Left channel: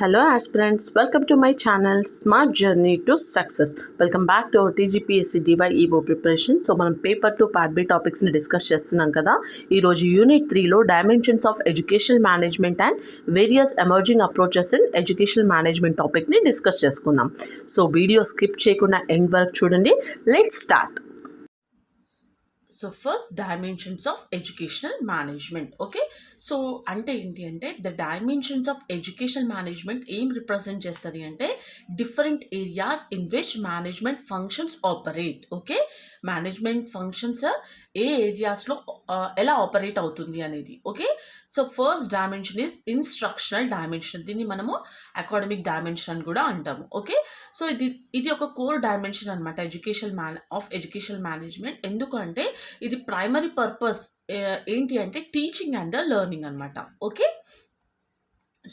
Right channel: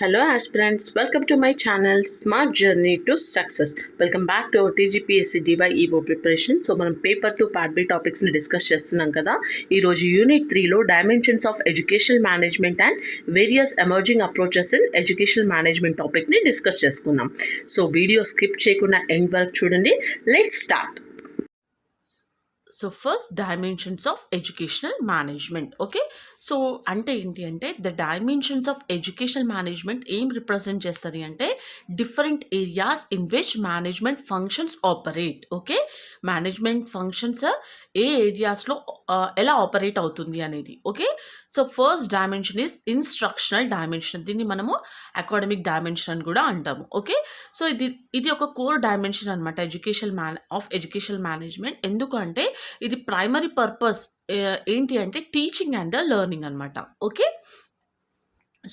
Hello aspirants, welcome to my channel Smart Journey to Success. Welcome back to our TGPSC DyEO preparation. So మనం paper 2 part B టాపిక్స్ని discuss చేస్తున్నాం కదా. ఈరోజు unit 3లో dimensions of educational management and various emerging approaches in educational management టాపిక్ని discuss చేసుకుందాం. So video skip చేయకుండా end వరకు చూడండి. Let's start. So first dimensions of educational management. Okay, so అంటే ఏంటి అంటే the dimensions of educational management ఏం represent చేస్తుంది అంటే different areas in which management functions operate. Okay, management functions ఏ ఏరియాస్లో ఎలా ఆపరేట్ అవుతుంది అనేది. Okay, so first dimension is instructional dimension. దీన్ని మనము అకాడమిక్ డైమెన్షన్ అని కూడా అంటాము. ఓకే, సో ఇది ఒక కోర్ డైమెన్షన్ అనమాట ఎడ్యుకేషనల్ మేనేజ్మెంట్. ఎందుకంటే ఇది ప్రైమరీ పర్పస్ ఏంటి అంటే టీచింగ్ అండ్ లెర్నింగ్ అనమాట. ఓకే,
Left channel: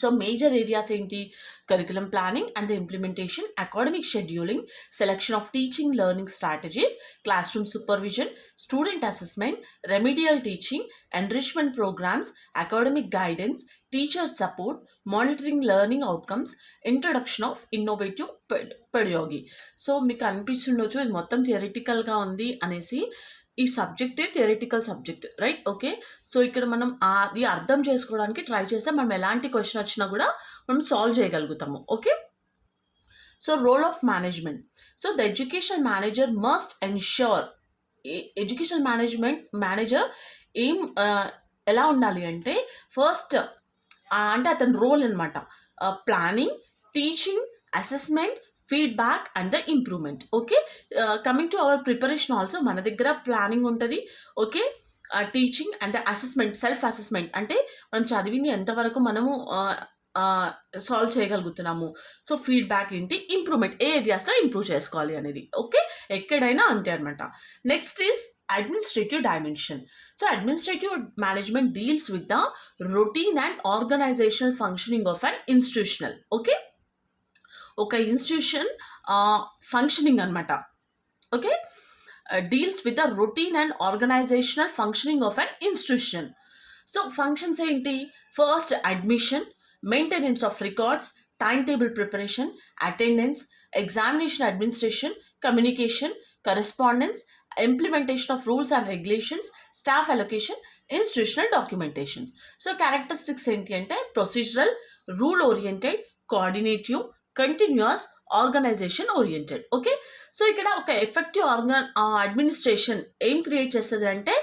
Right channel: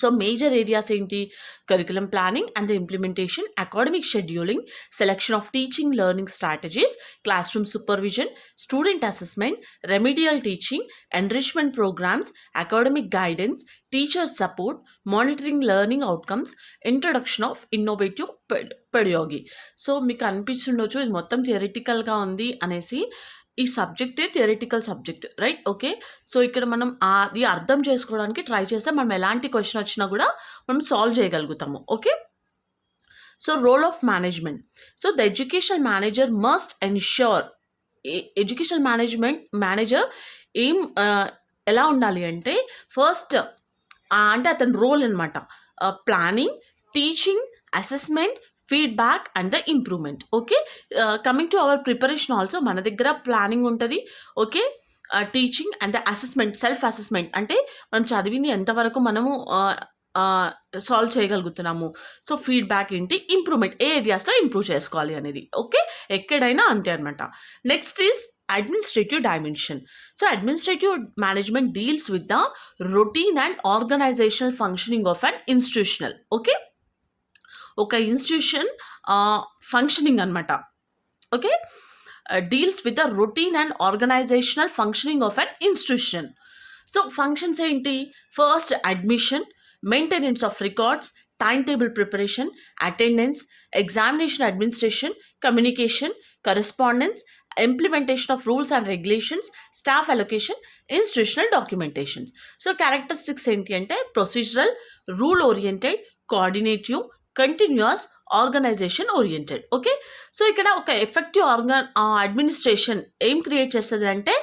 సో మేజర్ ఏరియాస్ ఏంటి? Curriculum planning and implementation, academic scheduling, selection of teaching learning strategies, class room supervision, student assessment, remedial teaching, enrichment programmes, academic guidance, teacher support, monitoring learning outcomes, introduction of innovative pedagogy. So మీకు అనిపిస్తుండొచ్చు ఇది మొత్తం థియరిటికల్గా ఉంది అనేసి. ఈ సబ్జెక్టే theoretical subject, right? Okay, so ఇక్కడ మనం అది అర్థం చేసుకోవడానికి ట్రై చేస్తే మనం ఎలాంటి క్వశ్చన్ వచ్చినా కూడా మనం సాల్వ్ చేయగలుగుతాము. Okay, so role of management. So the education manager must ensure. Education manager ఏం ఎలా ఉండాలి అంటే ఫస్ట్ అంటే అతని రోల్ అనమాట planning, teaching, assessment, feedback and the improvement. Okay, coming to our preparation also మన దగ్గర ప్లానింగ్ ఉంటుంది. Okay, teaching and assessment, self assessment అంటే మనం చదివింది ఎంతవరకు మనము సాల్వ్ చేయగలుగుతున్నాము. సో ఫీడ్బ్యాక్ ఏంటి, ఇంప్రూవ్మెంట్ ఏ ఏరియాస్లో ఇంప్రూవ్ చేసుకోవాలి అనేది. ఓకే, ఎక్కడైనా అంతే అనమాట. Next is administrative dimension. So administrative management deals with the routine and organizational functioning of an institutional. Okay, ఒక ఇన్స్టిట్యూషన్ ఫంక్షనింగ్ అనమాట. Okay, deals with the routine and organisational functioning of an institution. So functions ఏంటి? First admission, maintenance of records, time table preparation, attendance, examination administration, communication, correspondence, implementation of rules and regulations, staff allocation, institutional documentation. So characteristics ఏంటి అంటే procedural, rule oriented, coordinative, continuous, organisation oriented. Okay, so ఇక్కడ ఒక effective administration ఏం create చేస్తుంది అంటే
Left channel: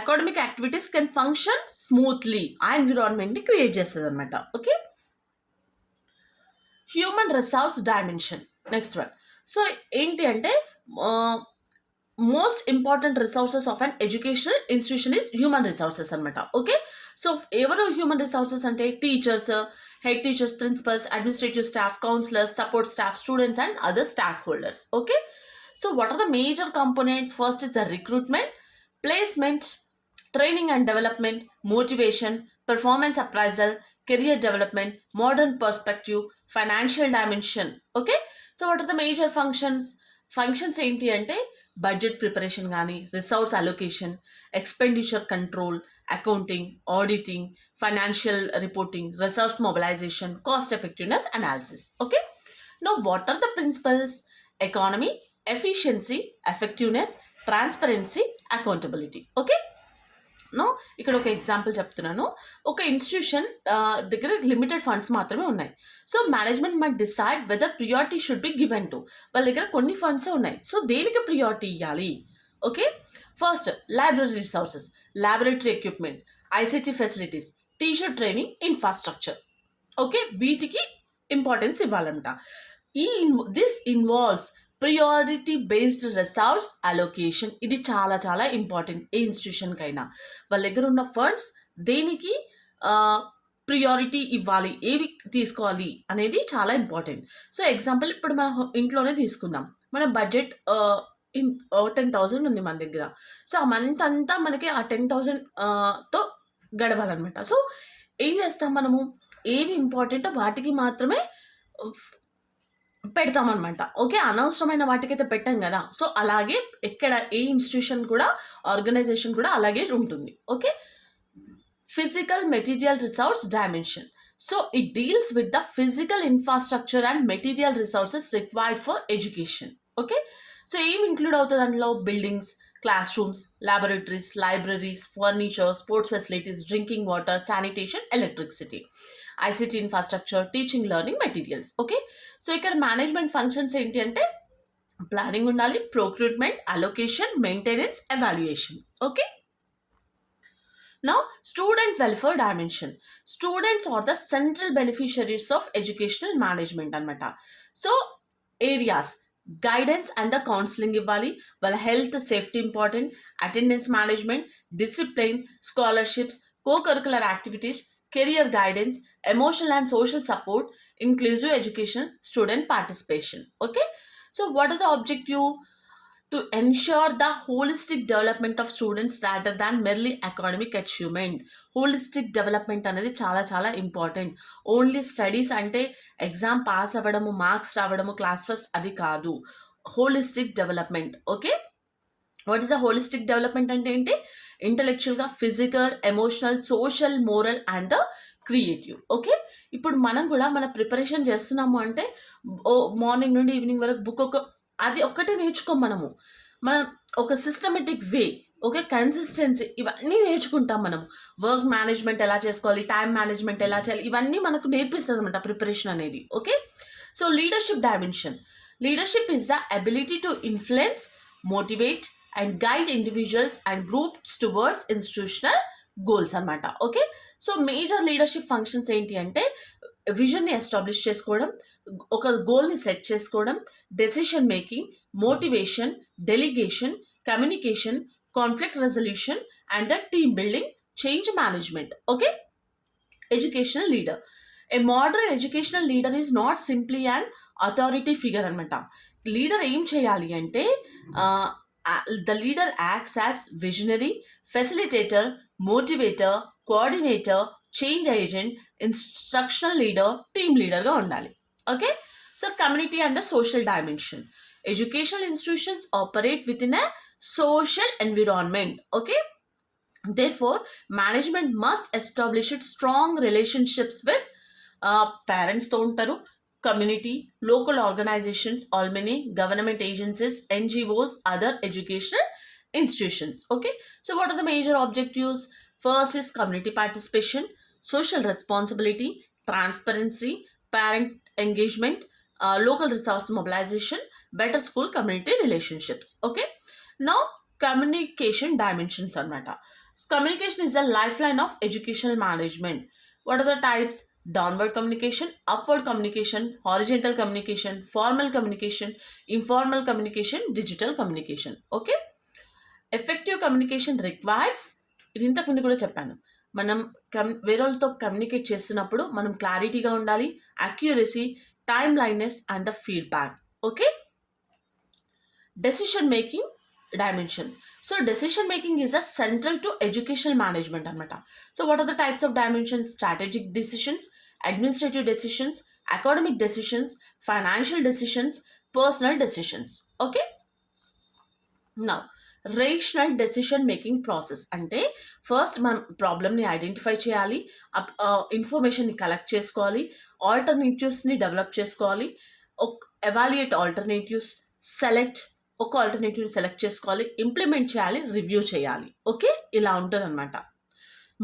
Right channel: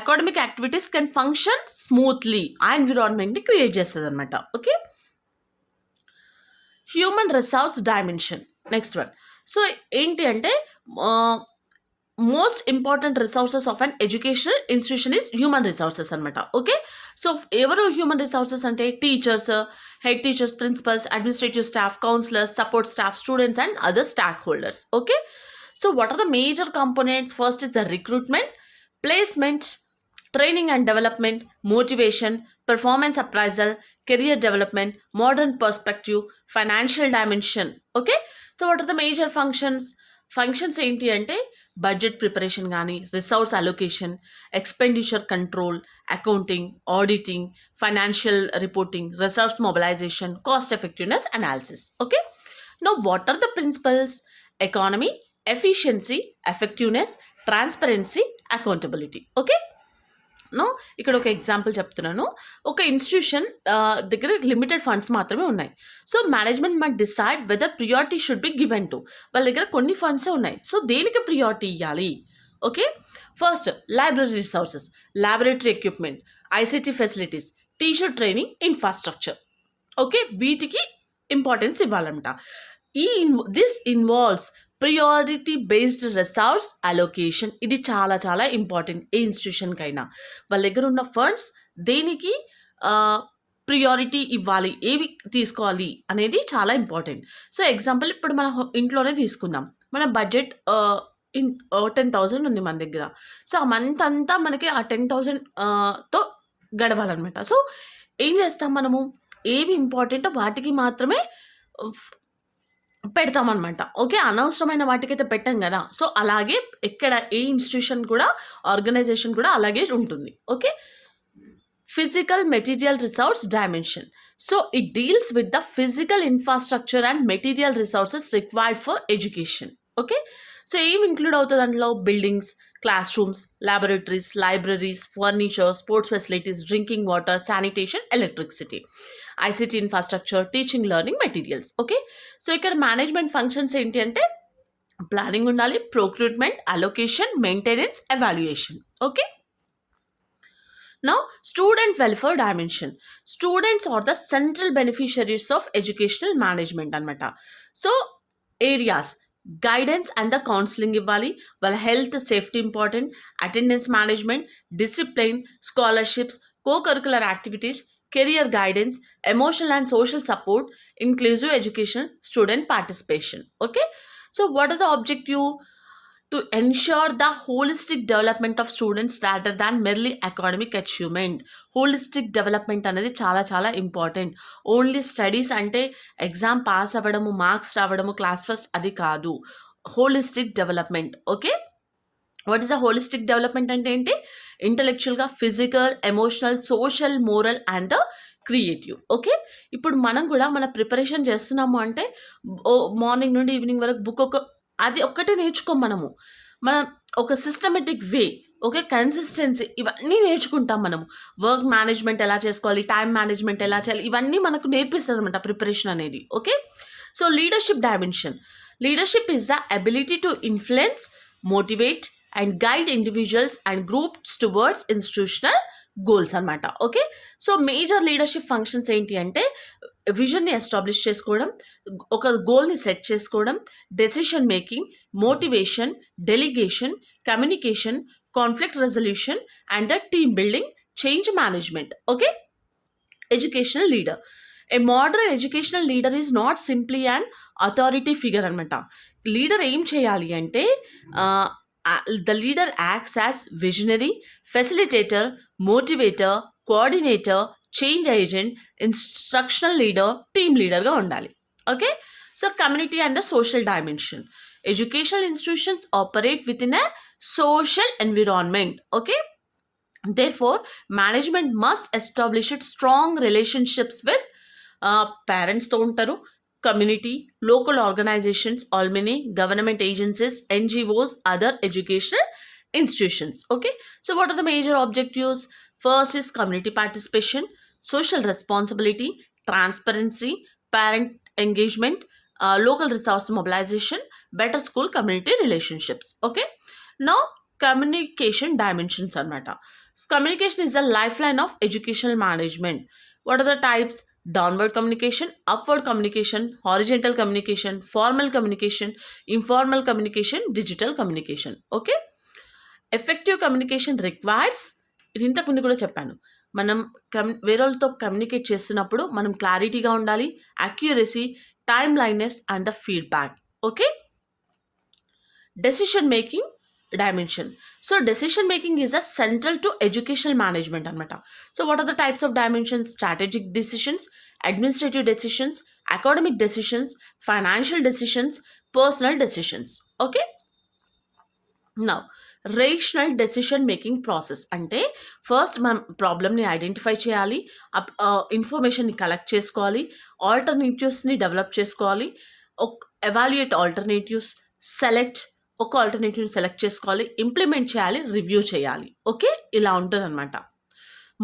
academic activities can function smoothly ఆ ఎన్విరాన్మెంట్ని create చేస్తుంది అనమాట. Okay, human resource dimension. Next one. So ఏంటి అంటే most important resources of an educational institution is human resources అనమాట. ఓకే, సో ఎవరు హ్యూమన్ రిసోర్సెస్ అంటే teachers, head teachers, principals, administrative staff, counsellors, support staff, students and other stock holders. Okay, so what are the major components? First is the recruitment, placement, training and development, motivation, performance appraisal, career development, modern perspective, financial dimension. Okay, so what are the major functions ఏంటి అంటే budget preparation కానీ, resource allocation, expenditure control, accounting, auditing, financial reporting, resource mobilisation, cost effectiveness analysis. Okay, now what are the principles? Economy, efficiency, effectiveness, transparency, accountability. Okay, no ఇక్కడ ఒక ఎగ్జాంపుల్ చెప్తున్నాను. ఒక ఇన్స్టిట్యూషన్ దగ్గర limited funds మాత్రమే ఉన్నాయి. So management must decide whether priority should be given to. వాళ్ళ దగ్గర కొన్ని ఫండ్సే ఉన్నాయి, సో దేనికి ప్రియారిటీ ఇవ్వాలి? Okay, first library resources, laboratory equipment, ICT facilities, teacher training, infrastructure. Okay, వీటికి ఇంపార్టెన్స్ ఇవ్వాలంట. This involves priority based resource allocation. ఇది చాలా చాలా ఇంపార్టెంట్ ఏ ఇన్స్టిట్యూషన్కైనా. వాళ్ళ దగ్గర ఉన్న ఫండ్స్ దేనికి ప్రియారిటీ ఇవ్వాలి, ఏవి తీసుకోవాలి అనేది చాలా ఇంపార్టెంట్. సో ఎగ్జాంపుల్ ఇప్పుడు మన ఇంట్లోనే తీసుకుందాం. మన బడ్జెట్ 10,000 ఉంది మన దగ్గర. సో ఆ మంత్ అంతా మనకి ఆ 10,000తో గడవాలన్నమాట. సో ఏం చేస్తాం మనము? ఏవి ఇంపార్టెంటో వాటికి మాత్రమే పెడతామనమాట. ఓకే, అనవసరమైన వాటికైతే పెట్టం కదా. సో అలాగే ఎక్కడ ఏ ఇన్స్టిట్యూషన్ కూడా, ఆర్గనైజేషన్ కూడా అలాగే ఉంటుంది. Okay, physical material resource dimension. So it deals with the physical infrastructure and material resources required for education. Okay, so ఏం ఇంక్లూడ్ అవుతుంది అందులో? Buildings, class rooms, laboratories, libraries, furniture, sports facilities, drinking water, sanitation, electricity, ICT infrastructure, teaching learning materials. Okay, so ఇక్కడ management functions ఏంటి అంటే ప్లానింగ్ ఉండాలి, procurement, allocation, maintenance, evaluation. Okay, now student welfare dimension. Students are the central beneficiaries of educational management anamata. So areas, guidance and the counseling ఇవ్వాలి, వాళ్ళ health safety important, attendance management, discipline, scholarships, co-curricular activities, career guidance, emotional and social support, inclusive education, student participation. Okay, so what are the objective? To ensure the holistic development of students rather than merely academic achievement. Holistic development అనేది చాలా చాలా important. Only studies అంటే exam pass అవ్వడము, marks రావడము, class first అది కాదు. Holistic development. Okay, what is the holistic development అంటే ఏంటి? ఇంటలెక్చువల్గా, physical, emotional, social, moral and creative. Okay, ఇప్పుడు మనం కూడా మన ప్రిపరేషన్ చేస్తున్నాము అంటే మార్నింగ్ నుండి ఈవినింగ్ వరకు బుక్ అది ఒక్కటే నేర్చుకోం మనము. మనం ఒక సిస్టమేటిక్ వే, ఓకే, కన్సిస్టెన్సీ, ఇవన్నీ నేర్చుకుంటాం మనము. వర్క్ మేనేజ్మెంట్ ఎలా చేసుకోవాలి, టైం మేనేజ్మెంట్ ఎలా చేయాలి, ఇవన్నీ మనకు నేర్పిస్తుంది అనమాట ప్రిపరేషన్ అనేది. Okay, so leadership dimension. Leadership is the ability to influence, motivate and guide individuals and groups towards institutional goals అనమాట. Okay, so major leadership functions ఏంటి అంటే విజన్ని ఎస్టాబ్లిష్ చేసుకోవడం, ఒక గోల్ని సెట్ చేసుకోవడం, decision making, motivation, delegation, communication, conflict resolution and the team building, change management. Okay, educational leader. A modern educational leader is not simply and authority figure అనమాట. Leader ఏం చేయాలి అంటే the leader acts as visionary, facilitator, motivator, coordinator, change agent, instructional leader, team లీడర్గా ఉండాలి. Okay, so community and the social dimension. Educational institutions operate with in a social environment. Okay, therefore management must establish its strong relationships with parents తో ఉంటారు, community, local organizations, alumni, government agencies, NGOs, other educational institutions. Okay, so what are the major objectives? First is community participation, social responsibility, transparency, parent engagement, local resource mobilization, better school community relationships. Okay, now communication dimensions anamata. Communication is the lifeline of educational management. What are the types? Downward communication, upward communication, horizontal communication, formal communication, informal communication, digital communication. Okay, effective communication requires, ఇది ఇంతకు ముందు కూడా చెప్పాను, మనం వేరే వాళ్ళతో కమ్యూనికేట్ చేస్తున్నప్పుడు మనం క్లారిటీగా ఉండాలి, accuracy, timeliness and the feedback. Okay, decision making dimension. So decision making is a central to educational management anamata. So what are the types of dimensions? Strategic decisions, administrative decisions, academic decisions, financial decisions, personal decisions. Okay, now rational decision making process అంటే ఫస్ట్ మనం ప్రాబ్లమ్ని ఐడెంటిఫై చేయాలి, ఇన్ఫర్మేషన్ని కలెక్ట్ చేసుకోవాలి, ఆల్టర్నేటివ్స్ని డెవలప్ చేసుకోవాలి, evaluate alternatives, select, ఒక ఆల్టర్నేటివ్ని సెలెక్ట్ చేసుకోవాలి, ఇంప్లిమెంట్ చేయాలి, రివ్యూ చేయాలి. ఓకే, ఇలా ఉంటుంది అనమాట.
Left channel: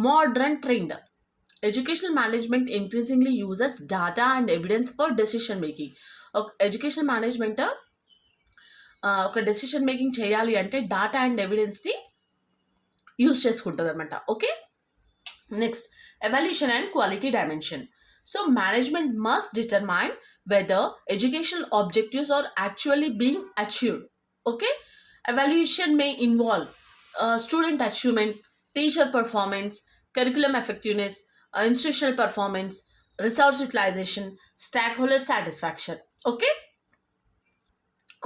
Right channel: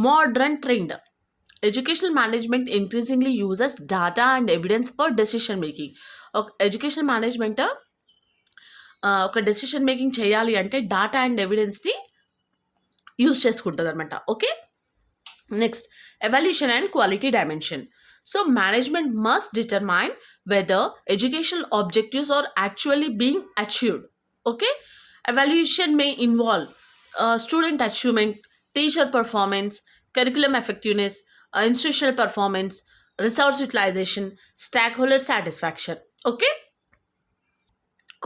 Modern trend. Educational management increasingly uses data and evidence for decision making. ఒక ఎడ్యుకేషనల్ మేనేజ్మెంట్ ఒక డెసిషన్ మేకింగ్ చేయాలి అంటే డాటా అండ్ ఎవిడెన్స్ని యూజ్ చేసుకుంటుంది అనమాట. Okay, next evaluation and quality dimension. So management must determine whether educational objectives are actually being achieved. Okay, evaluation may involve student achievement, teacher performance, curriculum effectiveness, institutional performance, resource utilization, stakeholder satisfaction. Okay,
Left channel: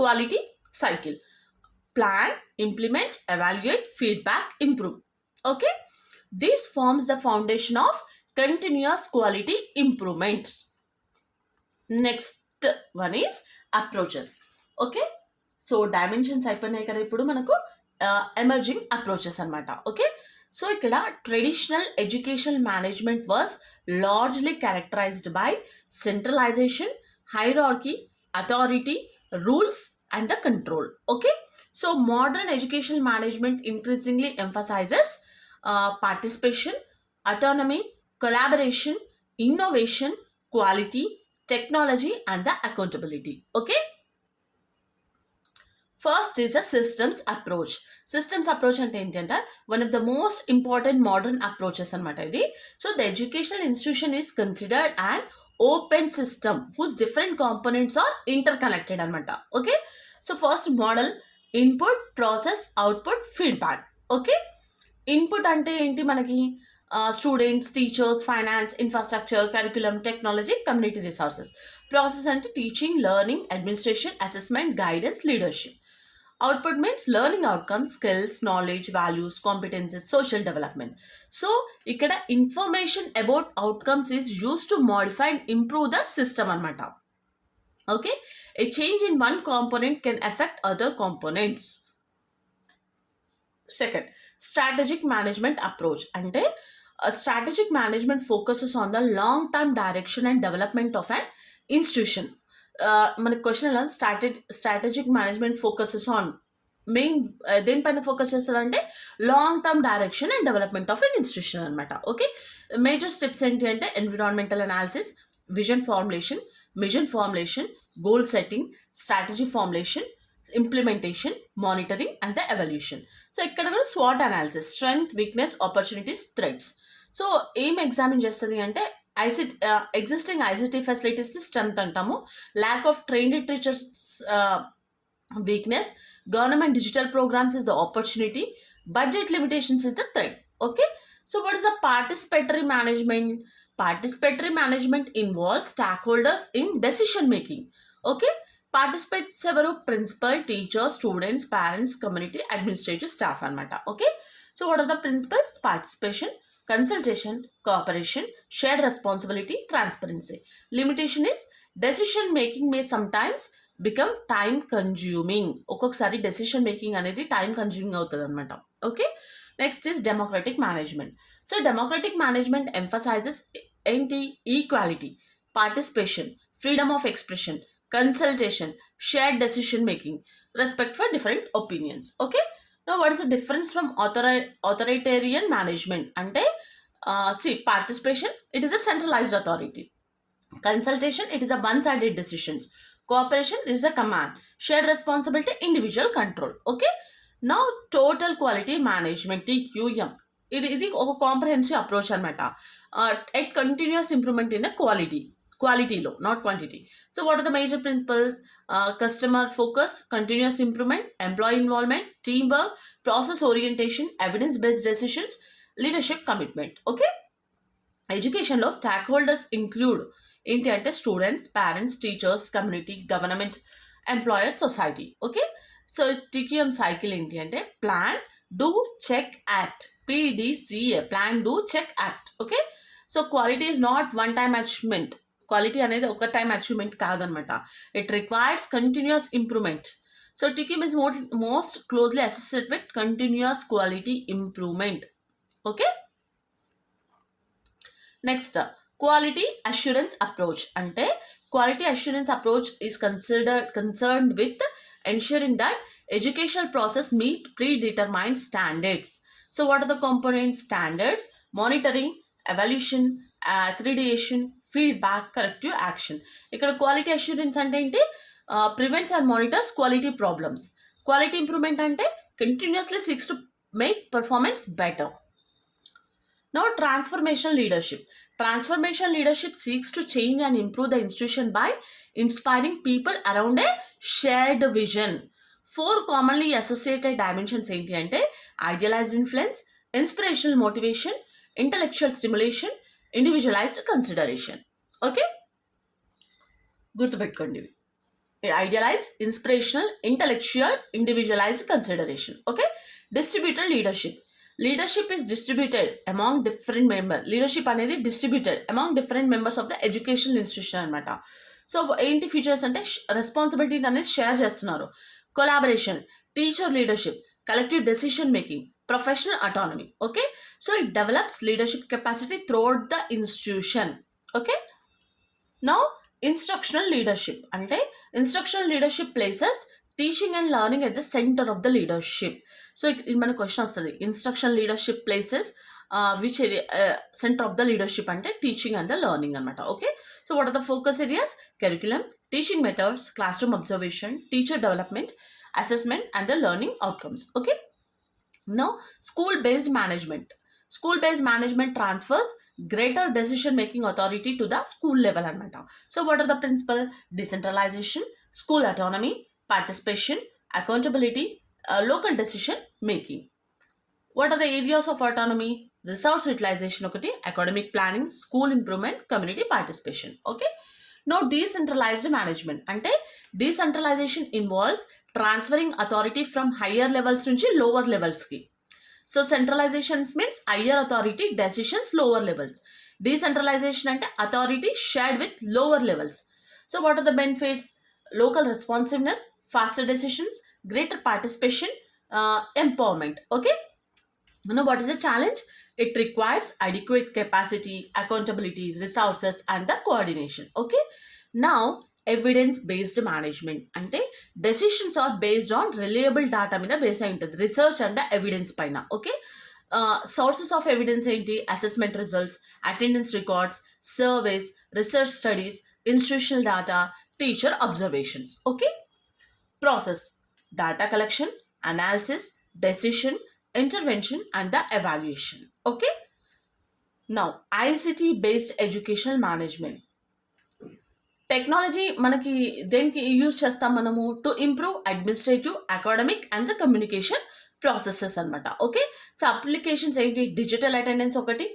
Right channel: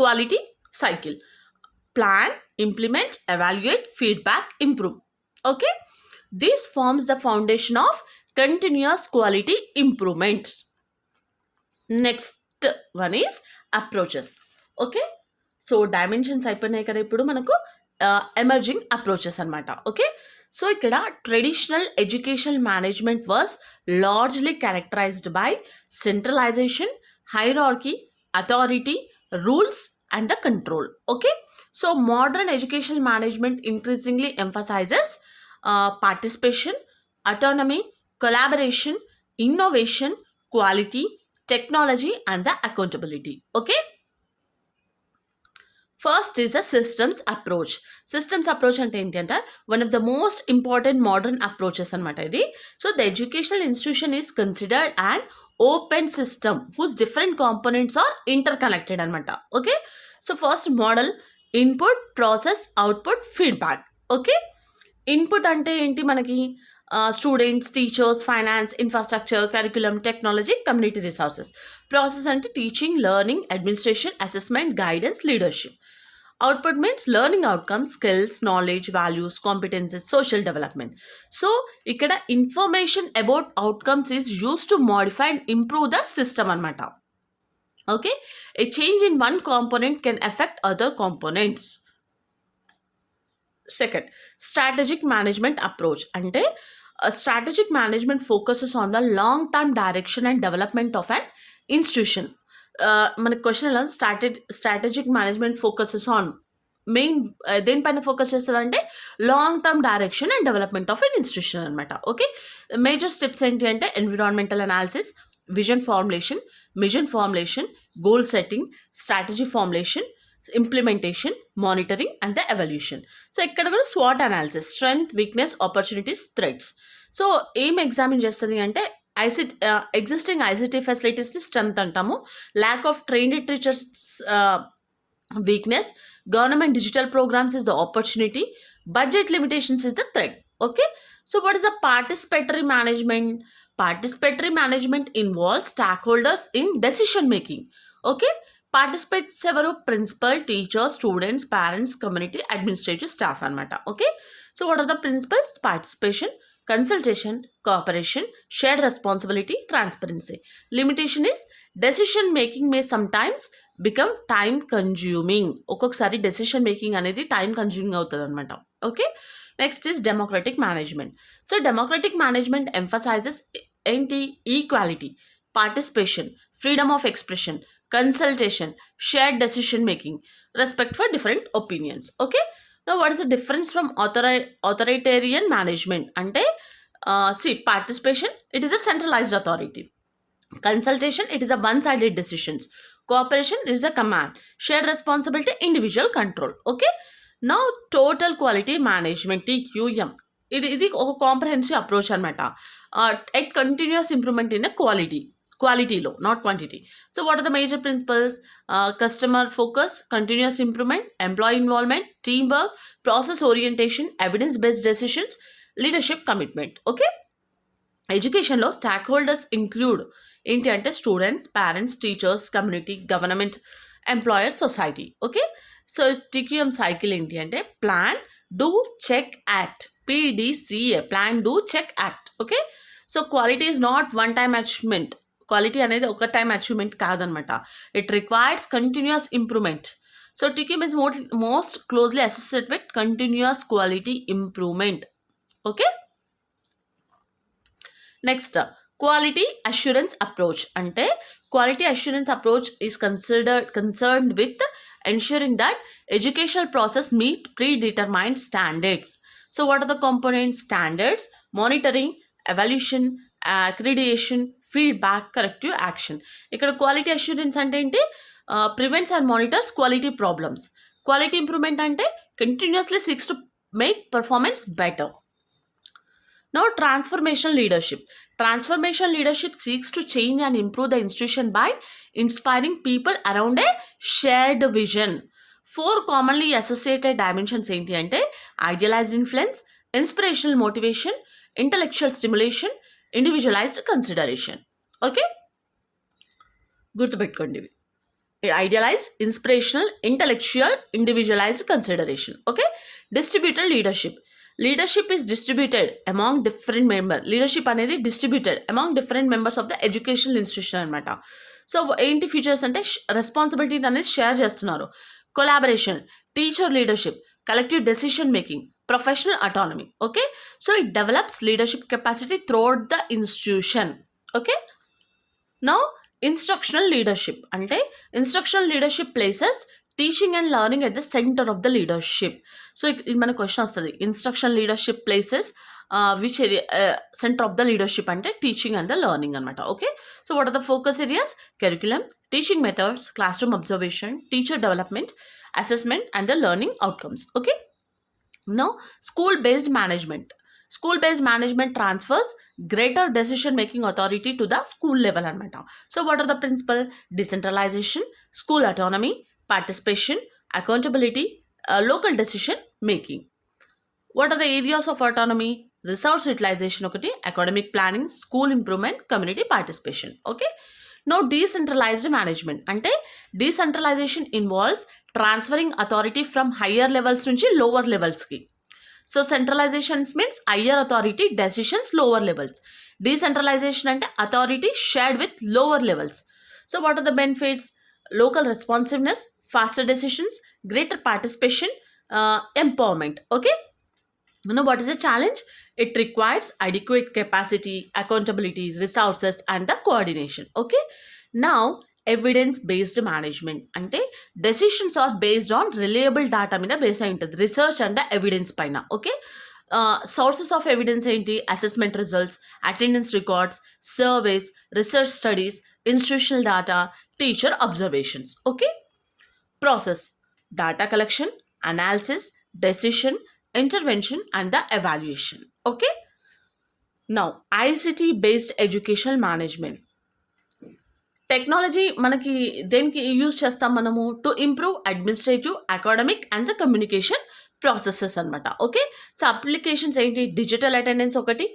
quality cycle. Plan, implement, evaluate, feedback, improve. Okay, this forms the foundation of continuous quality improvement. Next one is approaches. Okay, so dimensions అయిపోయినాయి కదా, ఇప్పుడు మనకు emerging approaches అనమాట. Okay, so ఇక్కడ traditional education management was largely characterised by centralisation, hierarchy, authority, rules, and the control. Okay, so modern educational management increasingly emphasizes participation, autonomy, collaboration, innovation, quality, technology, and the accountability. Okay, first is a systems approach. Systems approach అంటే ఏంటంటే one of the most important modern approaches అనమాట ఇది. So the educational institution is considered an open system whose different components are interconnected అనమాట. Okay, so first model input, process, output, feedback. Okay, input అంటే ఏంటి మనకి students, teachers, finance, infrastructure, curriculum, technology, community resources. Process అంటే teaching, learning, administration, assessment, guidance, leadership. Output means learning outcomes, skills, knowledge, values, competences, social development. So ఇక్కడ information about outcomes is use to modify and improve the system అనమాట. Okay, a change in one component can affect other components. Second, strategic management approach. అంటే strategic management focuses on the long-term direction and development of an institution. మన క్వశ్చన్లో strategic management focuses on main దేనిపైన focus చేస్తుంది అంటే long term direction and development of an institution అనమాట. Okay, major steps ఏంటి అంటే environmental analysis, vision formulation, mission formulation, goal setting, strategy formulation, implementation, monitoring, and the evaluation. So ఇక్కడ కూడా SWOT analysis, strength, weakness, opportunities, threats. So ఏం examine చేస్తుంది అంటే existing ICT ఫెసిలిటీస్ని strength అంటాము, lack of trained teachers weakness, government digital programmes is the opportunity, budget limitations is the threat. Okay, so what is the participatory management? Participatory management involves stakeholders in decision making. Okay, participants ఎవరు? Principal, teacher, students, parents, community, administrative staff అనమాట. Okay, so what are the principles? Participation, consultation, cooperation, shared responsibility, transparency. Limitation is decision making may sometimes become time consuming. ఒక్కొక్కసారి decision making అనేది time consuming అవుతుంది అనమాట. Okay, next is democratic management. So democratic management emphasises ఏంటి? Equality, participation, freedom of expression, consultation, shared decision making, respect for different opinions. Okay, now what is the difference from authoritarian management? Ante see, participation, it is a centralized authority. Consultation, it is a one-sided decisions. Cooperation, it is a command. Shared responsibility, individual control. Okay, now total quality management, TQM, ఇది ఒక comprehensive approach అనమాట. At continuous improvement in the క్వాలిటీలో, not quantity. So what are the major principles? Customer focus, continuous improvement, employee involvement, team work, process orientation, evidence based decisions, leadership commitment. Okay, ఎడ్యుకేషన్లో stakeholders include ఏంటి అంటే students, parents, teachers, community, government, employer, society. Okay, so TQM cycle ఏంటి అంటే plan, do, check, act. PDCA, plan, do, check, act. Okay, so quality is not one time achievement. Quality అనేది ఒక time achievement కాదనమాట. It requires continuous improvement. So TQM is most closely associated with continuous quality improvement. Okay, next quality assurance approach. అంటే quality assurance approach is concerned with ensuring that educational process meet predetermined standards. So what are the components? Standards, monitoring, evaluation, accreditation, feedback, corrective action. ఇక్కడ quality assurance అంటే ఏంటి? Prevents and monitors quality problems. Quality improvement అంటే continuously seeks to make performance better. Now, transformational leadership. Transformational leadership seeks to change and improve the institution by inspiring people around a shared vision. 4 commonly associated dimensions ఏంటి అంటే idealized influence, inspirational motivation, intellectual stimulation, individualized consideration. Okay, గుర్తుపెట్టుకోండి ఇవి. Idealized, inspirational, intellectual, individualized consideration. Okay, distributed leadership. Leadership is distributed among different members. Leadership అనేది distributed among different members of the educational institution అనమాట. సో ఏంటి ఫీచర్స్ అంటే రెస్పాన్సిబిలిటీ అనేది షేర్ చేస్తున్నారు. Collaboration, teacher leadership, collective decision making, professional autonomy. Okay, so it develops leadership capacity throughout the institution. Okay, now instructional leadership ante instructional leadership places teaching and learning at the center of the leadership. So ఇది మన question వస్తుంది, instruction leadership places which area centre of the leadership అంటే teaching and the learning అనమాట. Okay, so what are the focus areas? Curriculum, teaching methods, classroom observation, teacher development, assessment and the learning outcomes. Okay, now school based management. School based management transfers greater decision making authority to the school level anamata. So what are the principle? Decentralization, school autonomy, participation, accountability, local decision making. What are the areas of autonomy? Resource utilization okati, academic planning, school improvement, community participation. Okay, now decentralized management ante decentralization involves transferring authority from higher levels nunchi lower levels ki. So centralization means higher authority, decisions lower levels. Decentralization ante authority shared with lower levels. So what are the benefits? Local responsiveness, faster decisions, greater participation, empowerment. Okay, you know what is the challenge? It requires adequate capacity, accountability, resources and the coordination. Okay, now evidence based management అంటే decisions are based on reliable data మీద base అయి ఉంటుంది, research and evidence పైన. Okay, sources of evidence ఏంటి? Assessment results, attendance records, surveys, research studies, institutional data, teacher observations. Okay, process: data collection, analysis, decision, intervention and the evaluation. Okay, now ICT based educational management. Technology మనకి దేనికి యూజ్ చేస్తాం మనము? To improve administrative, academic and the communication processes అనమాట. Okay, so applications ఏంటి? Digital attendance ఒకటి,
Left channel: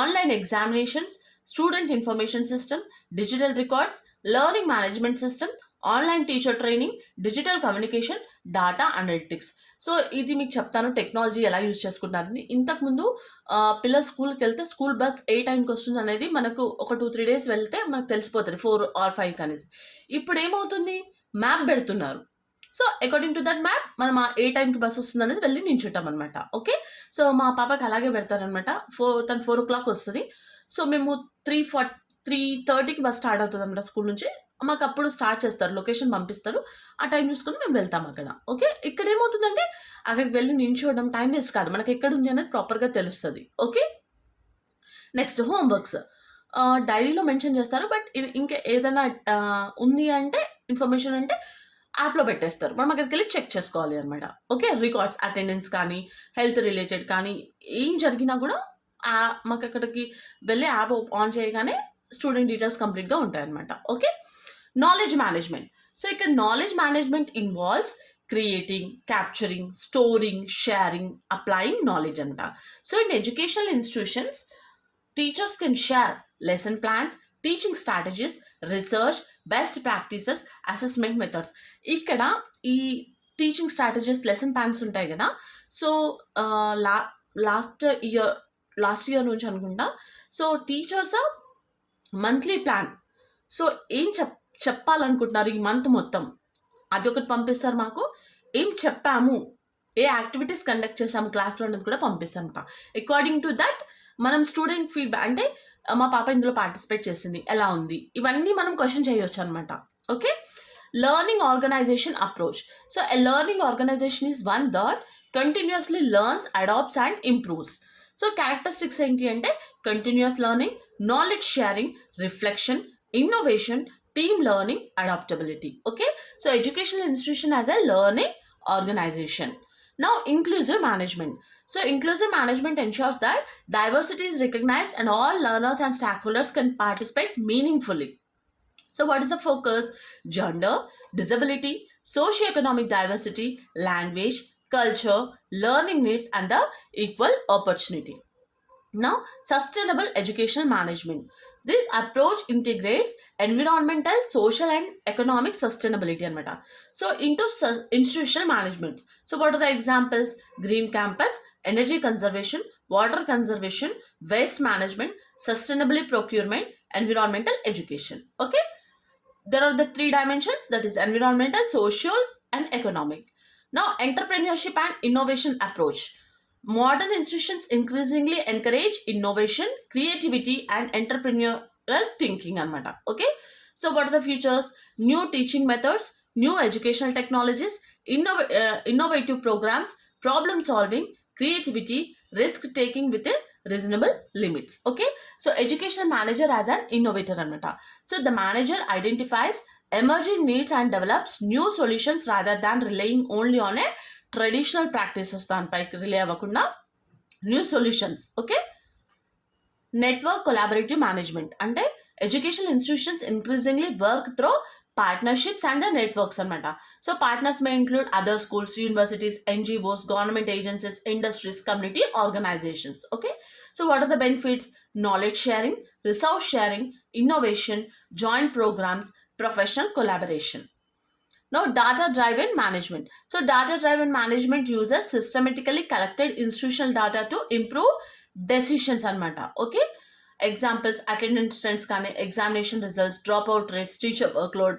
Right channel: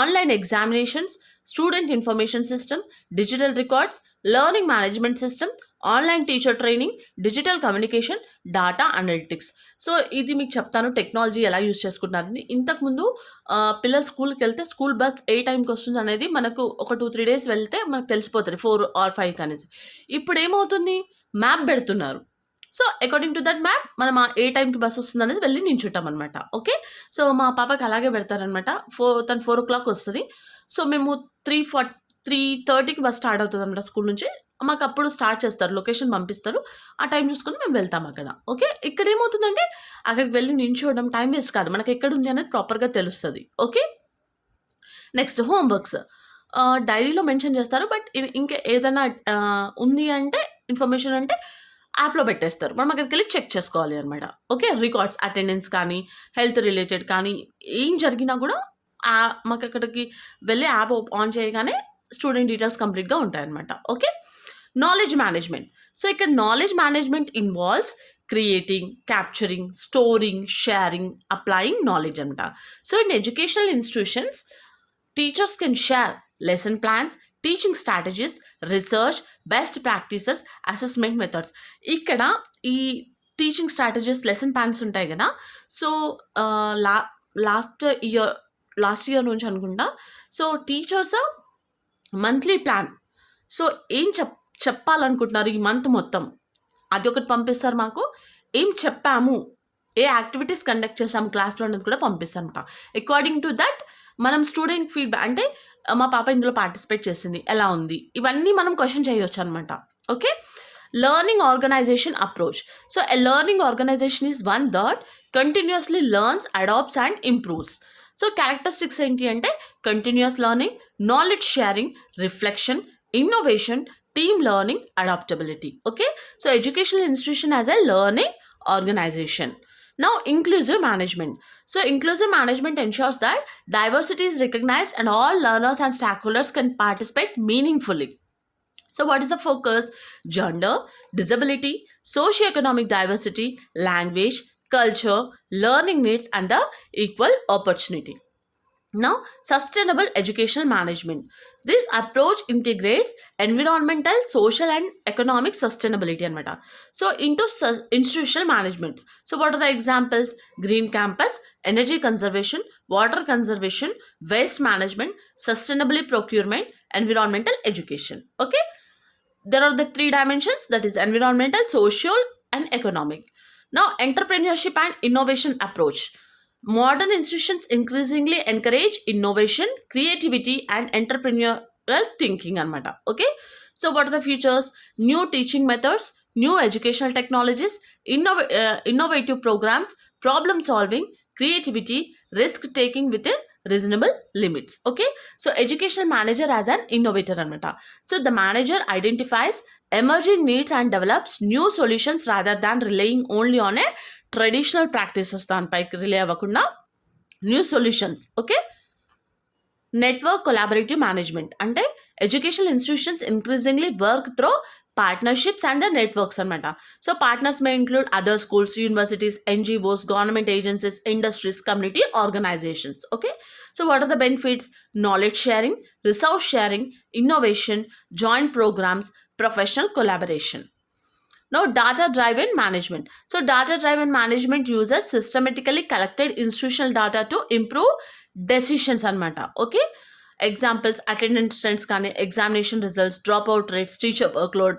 online examinations, student information system, digital records, learning management system, online teacher training, digital communication, data analytics. So ఇది మీకు చెప్తాను టెక్నాలజీ ఎలా యూజ్ చేసుకుంటున్నారని. ఇంతకుముందు పిల్లలు స్కూల్కి వెళ్తే స్కూల్ బస్ ఏ టైంకి వస్తుంది అనేది మనకు ఒక 2-3 days వెళ్తే మనకు తెలిసిపోతుంది 4 or 5 అనేది. ఇప్పుడు ఏమవుతుంది? మ్యాప్ పెడుతున్నారు. So according to that map మనం ఏ టైంకి బస్ వస్తుంది అనేది వెళ్ళి నించుంటాం అనమాట. ఓకే, సో మా పాపకి అలాగే పెడతారనమాట. తను 4 o'clock వస్తుంది. సో మేము 3:30కి బస్ స్టార్ట్ అవుతుంది అనమాట స్కూల్ నుంచి. మాకు అప్పుడు స్టార్ట్ చేస్తారు, లొకేషన్ పంపిస్తారు, ఆ టైం చూసుకొని మేము వెళ్తాం అక్కడ. ఓకే, ఇక్కడ ఏమవుతుందంటే అక్కడికి వెళ్ళి నించోవడం టైం వేస్ట్ కాదు, మనకి ఎక్కడ ఉంది అనేది ప్రాపర్గా తెలుస్తుంది. ఓకే, నెక్స్ట్ హోంవర్క్స్ డైరీలో మెన్షన్ చేస్తారు, బట్ ఇంకా ఏదైనా ఉంది అంటే ఇన్ఫర్మేషన్ అంటే యాప్లో పెట్టేస్తారు, మనం అక్కడికి వెళ్ళి చెక్ చేసుకోవాలి అనమాట. ఓకే, రికార్డ్స్, అటెండెన్స్ కానీ హెల్త్ రిలేటెడ్ కానీ ఏం జరిగినా కూడా మాకు అక్కడికి వెళ్ళి యాప్ ఆన్ చేయగానే స్టూడెంట్ డీటెయిల్స్ కంప్లీట్గా ఉంటాయన్నమాట. Okay, knowledge management. సో ఇక్కడ knowledge management involves creating, capturing, storing, sharing, applying knowledge anamata. So in educational institutions, teachers can share lesson plans, teaching strategies, research, best practices, assessment methods. ఇక్కడ ఈ teaching strategies, lesson plans ఉంటాయి కదా. So last year నుంచి అనుకుంటా, so teachers monthly plan, so ఏం చెప్పాలనుకుంటున్నారు ఈ మంత్ మొత్తం అది ఒకటి పంపిస్తారు మాకు. ఏం చెప్పాము, ఏ యాక్టివిటీస్ కండక్ట్ చేసాము క్లాస్లో అనేది కూడా పంపిస్తారనమాట. అకార్డింగ్ టు దట్ మనం స్టూడెంట్ ఫీడ్బ్యాక్ అంటే మా పాప ఇందులో పార్టిసిపేట్ చేసింది, ఎలా ఉంది, ఇవన్నీ మనం క్వశ్చన్ చేయొచ్చు అనమాట. Okay, learning organisation approach. So a learning organisation is one that continuously learns, adapts and improves. So characteristics ఏంటి అంటే continuous learning, knowledge sharing, reflection, innovation, team learning, adaptability. Okay, so educational institution as a learning organization. Now inclusive management. So inclusive management ensures that diversity is recognized and all learners and stakeholders can participate meaningfully. So what is the focus? Gender, disability, socioeconomic diversity, language, culture, learning needs and the equal opportunity. Now, sustainable educational management. This approach integrates environmental, social and economic sustainability anamata. So into institutional management. So what are the examples? Green campus, energy conservation, water conservation, waste management, sustainable procurement, environmental education. Okay, there are the 3 dimensions, that is environmental, social and economic. Now entrepreneurship and innovation approach. Modern institutions increasingly encourage innovation, creativity, and entrepreneurial thinking anamata. Okay, so what are the features? New teaching methods, new educational technologies, innovative programs, problem solving, creativity, risk taking within reasonable limits. Okay, so educational manager as an innovator anamata. So the manager identifies emerging needs and develops new solutions rather than relying only on a traditional practices దానిపైకి rely అవ్వకుండా new solutions. Okay, network collaborative management అంటే educational institutions increasingly work through partnerships and the networks anamata. So partners may include other schools, universities, NGOs, government agencies, industries, community organizations. Okay, so what are the benefits? Knowledge sharing, resource sharing, innovation, joint programs, professional collaboration. Now, data-driven management. So, data-driven management uses systematically collected institutional data to improve decisions anamata. Okay, examples: attendance trends, examination results, dropout rates, teacher workload,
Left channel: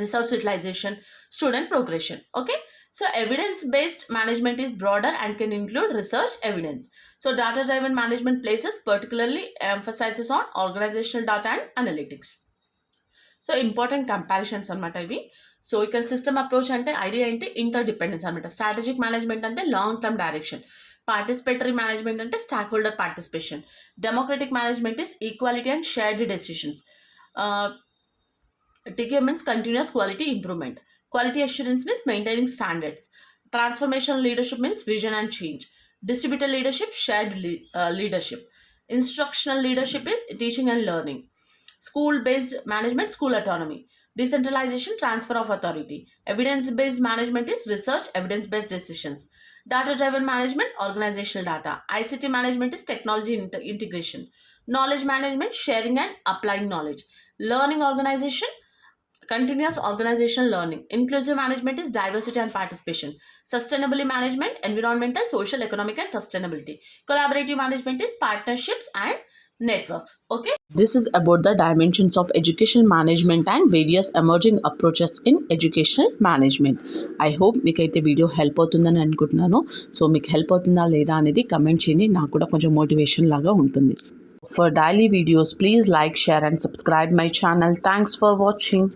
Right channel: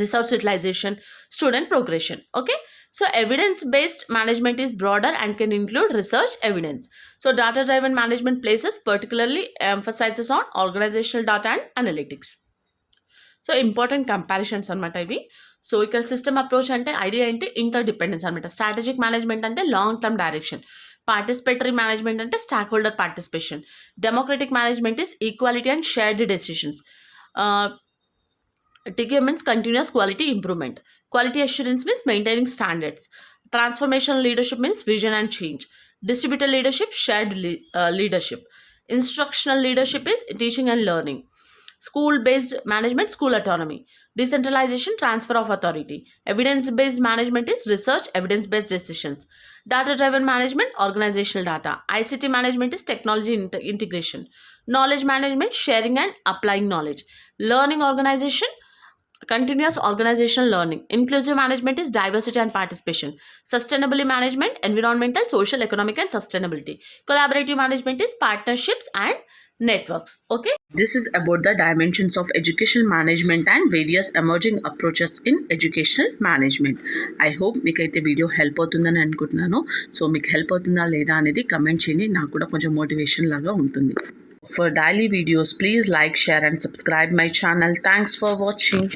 resource utilization, student progression. Okay, so evidence-based management is broader and can include research evidence. So, data-driven management places particularly emphasizes on organizational data and analytics. So important comparisons అనమాట ఇవి. So ఇక్కడ system approach అంటే idea అంటే interdependence అనమాట. Strategic management అంటే long term direction. Participatory management అంటే stakeholder participation. Democratic management is equality and shared decisions. TQM means continuous quality improvement. Quality assurance means maintaining standards. Transformational leadership means vision and change. Distributed leadership, shared leadership. Instructional leadership is teaching and learning. School-based management, school autonomy. Decentralization, transfer of authority. Evidence-based management is research, evidence-based decisions. Data-driven management, organizational data. ICT management is technology integration. Knowledge management, sharing and applying knowledge. Learning organization, continuous organizational learning. Inclusive management is diversity and participation. Sustainability management, environmental, social, economic and sustainability. Collaborative management is partnerships and networks. Okay, this is about the dimensions of educational management and various emerging approaches in educational management. I hope మీకైతే video help అవుతుందని అనుకుంటున్నాను. సో మీకు హెల్ప్ అవుతుందా లేదా అనేది కమెంట్ చేయండి, నాకు కూడా కొంచెం మోటివేషన్ లాగా ఉంటుంది. For daily videos, please like, share and subscribe my channel. Thanks for watching.